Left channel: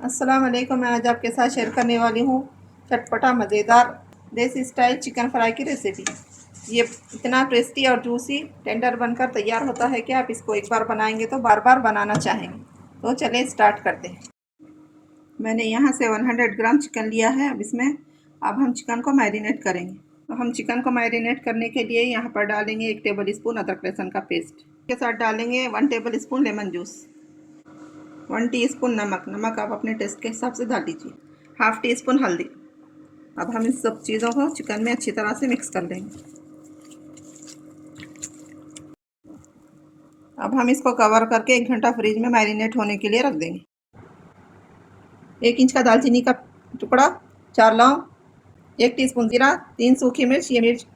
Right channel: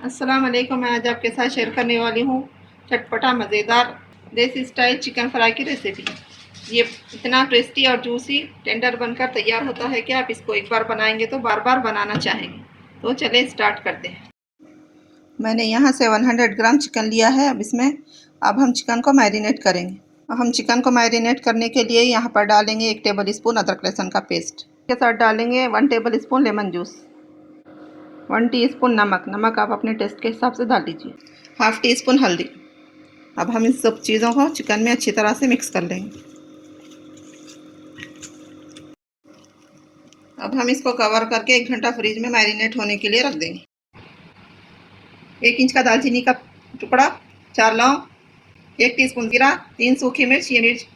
अस्सलाम वालेकुम। मैं आज आपके साथ शेयर करने वाली हूँ चटपटा मज़ेदार देसी स्टाइल चिकन फ्राई की रेसिपी। ये इतना टेस्टी और जूसी टेंडर बनकर तैयार होता है कि आप इसको एक बार बनाएंगे तो बार बार बनाना चाहेंगे। तो चलें स्टार्ट करते हैं। मैंने यहाँ से 100 ग्राम चिकन लिया है। अब हम चिकन को मैरिनेट करेंगे। हम चिकन को मैरिनेट करने के लिए यहाँ पर डालेंगे 1 टेबल स्पून अदरक लहसुन का पेस्ट के साथ डालेंगे 1 table spoon lemon juice, 1 teaspoon नमक आप अपने टेस्ट के हिसाब से डाल लीजिए, हाफ़ टी स्पून हल्दी। अब हम इन सब चीज़ों को चिकन में अच्छी तरह से मिक्स कर लेंगे। अब हम इसको कवर करके 1 घंटा फ्रिज में मैरिनेट होने के लिए रख देंगे। 1 इंच का दालचीनी का टुकड़ा, 4 लौंग, 1 टीस्पून जीरा, 3 सूखी मिर्च, ये मिर्च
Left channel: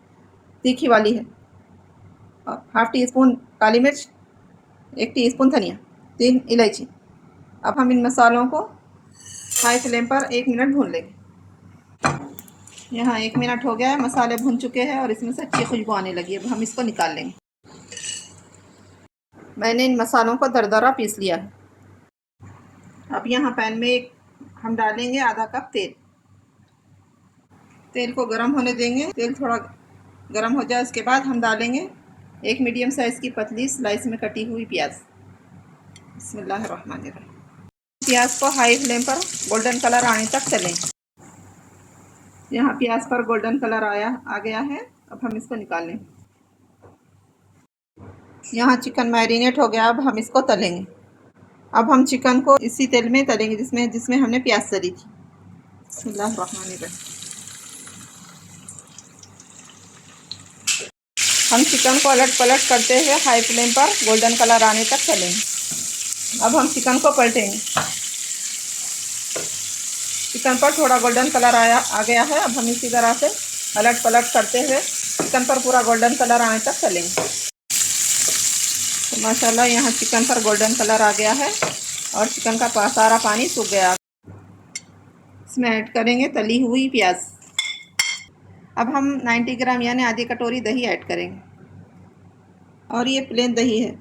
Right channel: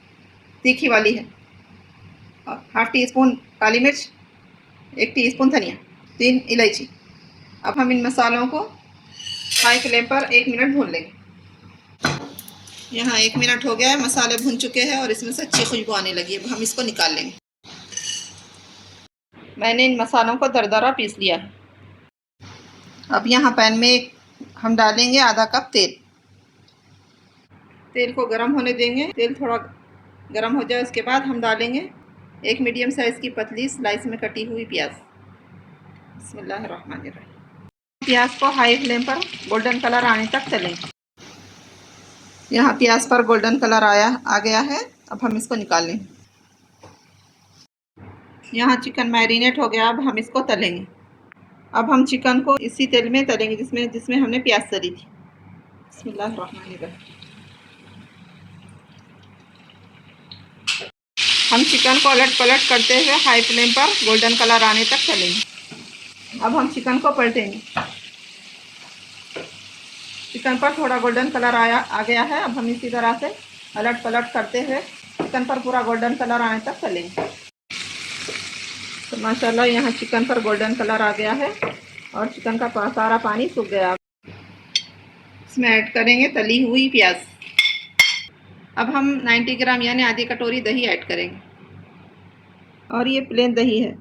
तीखी वाली है, हाफ़ टी स्पून काली मिर्च, 1 टीस्पून धनिया, 3 इलायची। अब हम इन मसालों को हाई फ्लेम पर 1 मिनट भून लेंगे। यहाँ 1 मिनट हो गया है, मसाले भुन चुके हैं और इसमें से अच्छी खुशबू आने लगी है। अब हम इसको निकाल लेंगे। मैंने इन मसालों को दरदरा पीस लिया है। अब यहाँ पैन में हम डालेंगे आधा कप तेल। तेल को गर्म होने देंगे। तेल थोड़ा गर्म हो जाए उसके बाद हम डालेंगे 1 मीडियम साइज़ की पतली स्लाइस में कटी हुई प्याज। बिस्मिल्लाहिर्रहमानिर्रहीम। प्याज को हाई फ्लेम पर गोल्डन कलर आने तक तलेंगे। यहाँ प्याज पर गोल्डन कलर आ गया है। अब हम इसको निकाल लेंगे। यहाँ चिकन मैरिनेट हो गया। अब हम इसको तलेंगे। अब हम चिकन को इसी तेल में तलेंगे जिसमें हमने प्याज तली थी। बिस्मिल्लाहिर्रहमानिर्रहीम। हम चिकन को अलट पलट करते हुए हाई फ्लेम पर गोल्डन कलर आने तक तलेंगे। अब हम चिकन को पलटेंगे। चिकन पर थोड़ा गोल्डन कलर आ गया है। अब हम इसी तरह से अलट पलट करते हुए चिकन पर पूरा गोल्डन कलर आने तक तलेंगे। तो माशाल्लाह यहाँ चिकन पर गोल्डन कलर आ गया है और चिकन का सारा पानी सूख गया। इसमें ऐड करेंगे तली हुई प्याज। अब हम 90 ग्राम यानी आधी कटोरी दही ऐड करेंगे और ये प्लेन दही है।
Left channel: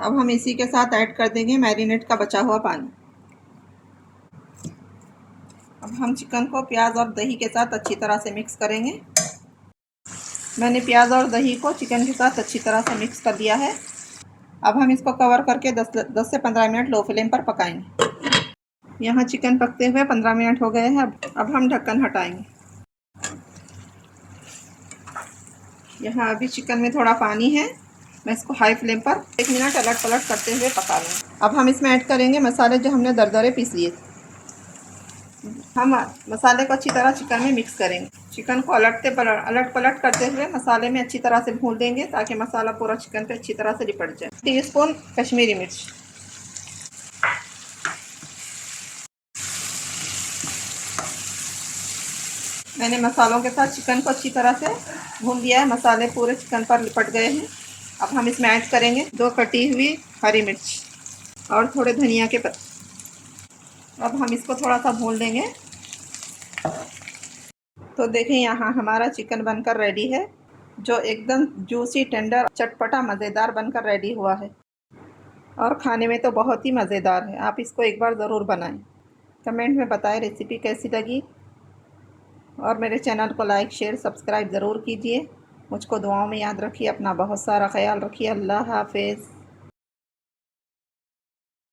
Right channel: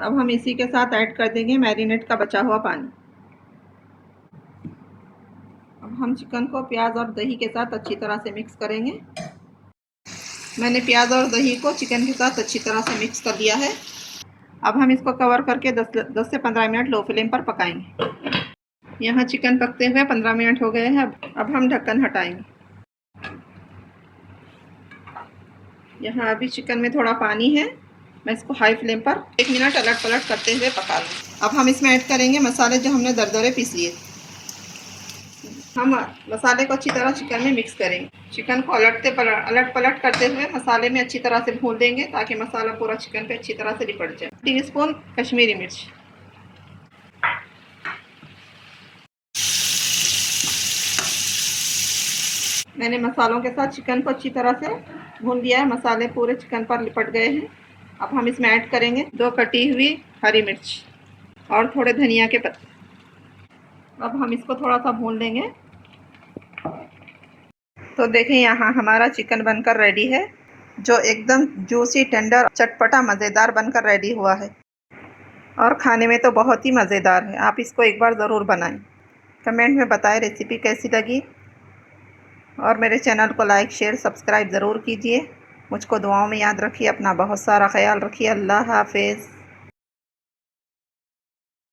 अब हम इसी के साथ ऐड कर देंगे मैरिनेट का बचा हुआ पानी। अब हम चिकन को प्याज और दही के साथ अच्छी तरह से मिक्स करेंगे। मैंने प्याज और दही को चिकन के साथ अच्छी तरह से मिक्स कर दिया है। अब हम इसको कवर करके 10 से 15 मिनट लो फ्लेम पर पकाएंगे। यहाँ चिकन पकते हुए 15 मिनट हो गए हैं। अब हम ढक्कन हटाएंगे। यहाँ अभी चिकन में थोड़ा पानी है। मैं इसको हाई फ्लेम पर 1 मिनट अलट पलट करते हुए पका लूँगी। अब हम इसमें ऐड करेंगे मसाले जो हमने दरदरे पीस लिए। हम मसाले को अच्छी तरह चिकन में मिक्स करेंगे। चिकन को अलट पलट करते हुए मसाले में अच्छी तरह से भून देंगे ताकि मसाला पूरा चिकन पे अच्छी तरह से लिपट जाए। टीस्पून कश्मीरी मिर्च, मैंने मसालों के साथ चिकन को अच्छी तरह से भून दिया है। मसाले पूरे चिकन पर लिपट गए हैं। अब हम इसमें ऐड करेंगे 2 कटी हुई हरी मिर्च और थोड़े धनिया के पत्ते। अब हम इसको थोड़ा सा भून लेंगे। तो देखें यहाँ हमारा चिकन बनकर रेडी है, जो एकदम जूसी टेंडर चटपटा मज़ेदार बनकर रेडी हुआ है और खाने में तो बहुत ही मज़ेदार है। आप इसको एक बार ज़रूर बनाएं। कमेंट में बताएं रेसिपी कैसी लगी और मेरे चैनल को लाइक शेयर सब्सक्राइब ज़रूर कीजिए। मुझको दुआओं में याद रखिए। अपना बहुत सारा ख्याल रखिए। अल्लाह हाफ़िज़।